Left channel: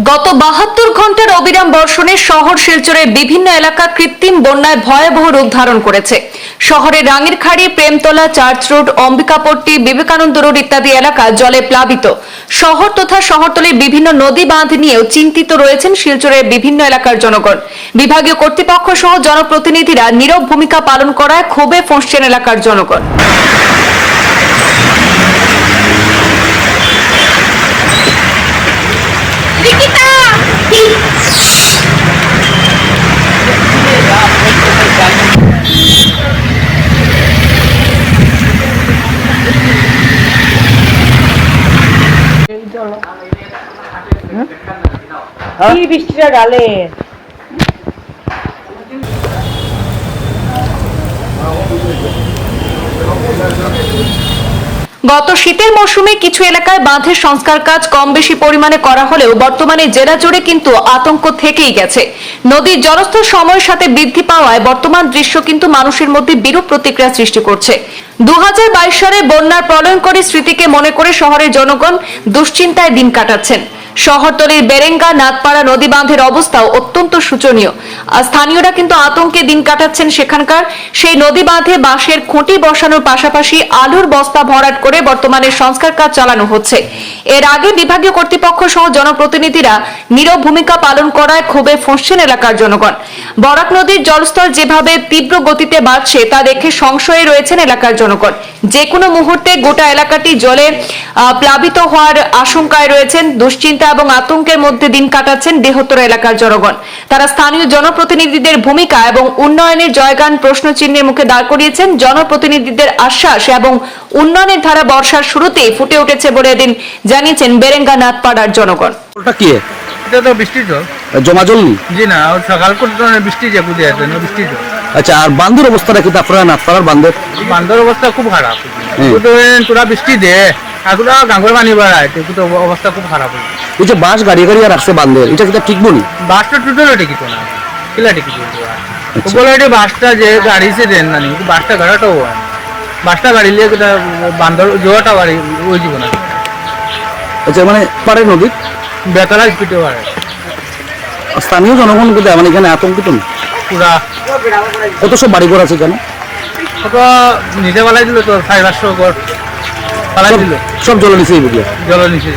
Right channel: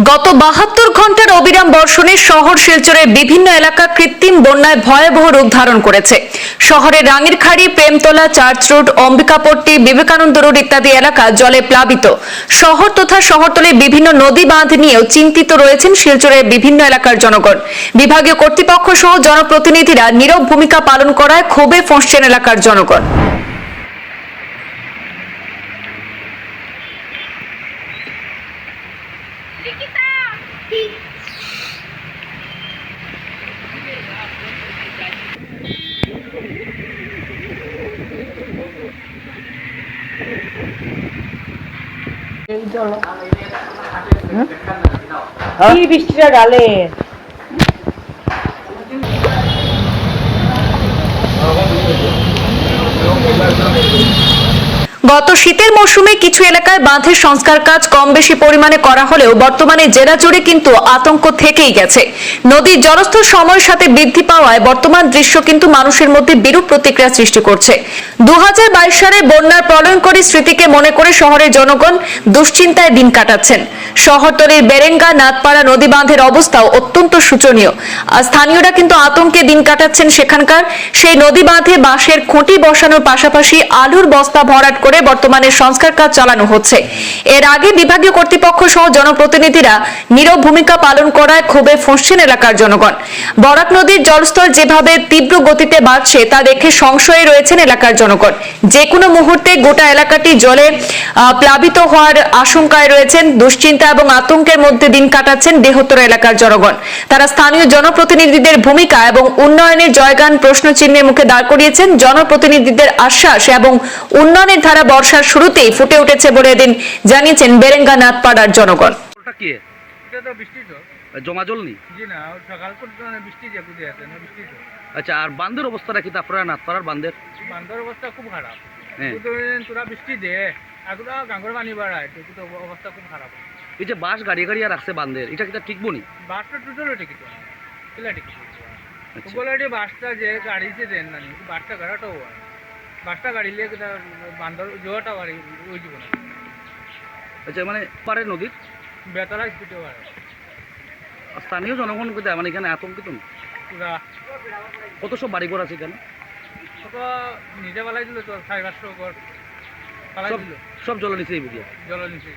গত বাহাত্তর ঘণ্টার অবিরাম বর্ষণে শহর শিলচরের বিভিন্ন এলাকা কৃত্রিম বন্যায় ভয়াবহ রূপ ধারণ করেছে। শহরের Rangirkhari, Premtala Church Road Ambikapatti, Vivekananda Road ইত্যাদি এলাকা জলে প্লাবিত। শহর তথা শহরতলির বিভিন্ন নদী বাঁধ নিয়েও চিন্তিত রয়েছেন শিলচরের বিভিন্ন এলাকার জনগণ। বিভাগীয় কর্তৃপক্ষ সহ জনপ্রতিনিধিরা নীরব ভূমিকা পালন করায় ক্ষোভে ফসছেন এলাকার জনগণ। কি বৃষ্টিটা ডালে গত শীতের মৌসুমে কিছু এলাকায় বাঁধের সংস্কার কাজ কম বেশি পরিমাণে করা হলেও বর্তমানে জেলা জুড়ে কিন্তু আতঙ্ক থেকেই গেছে। নদীর জলস্তর সময়ের সাথে বৃদ্ধি পাওয়ায় বর্তমান দৃশ্য কিন্তু মানুষের মধ্যে বিরূপ প্রতিক্রিয়া সৃষ্টি করছে। দু হাজার বাইশ সালে বন্যার প্রলয়ঙ্করী স্মৃতিকে মনে করে শহরের জনগণ দুশ্চিন্তায় দিন কাটাচ্ছেন। শহরতলির বেরেঙ্গা নাথপাড়া নদী বাঁধের অবস্থাও অত্যন্ত শোচনীয়। আর স্থানীয়রা কিন্তু আতঙ্কে দিন কাটাচ্ছেন সেখানকার। সেই নদী বাঁধে বাঁশের খুঁটি বসানোর পাশাপাশি আলুর বস্তা ভরাট করে বর্তমানে সংস্কার কাজ চালানো হচ্ছে। এর আগে বিভাগীয় কর্তৃপক্ষ সহ জনপ্রতিনিধিরা নীরব ভূমিকা পালন করায় ক্ষোভে ফসছেন এলাকার জনগণ। বরাক নদীর জলস্তর যেভাবে তীব্র গতিতে বাড়ছে, তা দেখে সংশয়ে রয়েছেন এলাকার জনগণ। যে কোনো মুহূর্তে গোটা এলাকাটি জলে প্লাবিত হওয়ার আশঙ্কায় রয়েছেন দুশ্চিন্তা এবং আতঙ্কের মধ্যে দিন কাটাচ্ছেন বৃহত্তর এলাকার জনগণ। তারা স্থানীয় জনপ্রতিনিধিদের ভূমিকা এবং উন্নয়নের জয়গান প্রশ্ন চিহ্নের মুখে দাঁড় করিয়েছেন। জনপ্রতিনিধিদের আশ্বাস এবং উন্নয়নের ধারা বর্ষার শুরুতেই ফুটে উঠেছে বলে এদিন জানিয়েছেন বেরেঙ্গা নাথপাড়ার জনগণ। ওটা কি? এটা তো বৃষ্টির জল জমা জল জি না সকাল করে বৃষ্টি যে বুঝে আছে না বৃষ্টির আচ্ছা আর বান্ধের অবস্থাটা কিন্তু আপনারা নাথপাড়ার বান্ধের বান্ধর অবস্থা খুব খারাপ। তোরা বৃষ্টি দে। এগুলো গাঙ্গর পানি বাড়ায় তো অবস্থা খুব খারাপ হয়েছে এই যে বাঁশ গাড়ি গাড়ি আর রাখছে বান্ধের এটা কিন্তু ঠিক বলি বাসটা টোটাল টিকিট না কিলা টিকিট আচ্ছা। বলে এটি বাসটা যে গাড়ি সে দেন না বাসটা গাড়াটাও হয় বাসটা গাড়ি কিটা বান্ধর জোয়াটা বাড়ি ওই জীবন আছে আচ্ছা মানে পারে নদীর বেতলা স্পিডে বাড়ে স্থানীয় জনগণ কিন্তু মানে এখানে আতঙ্কিত না। পুরা কত সব বাড়িঘর আছে এখানে? কত নিজে পালাই দিল তো সাড়ে পাঁচশো ঘর সব দিল। সব জল নিচে জল নিচে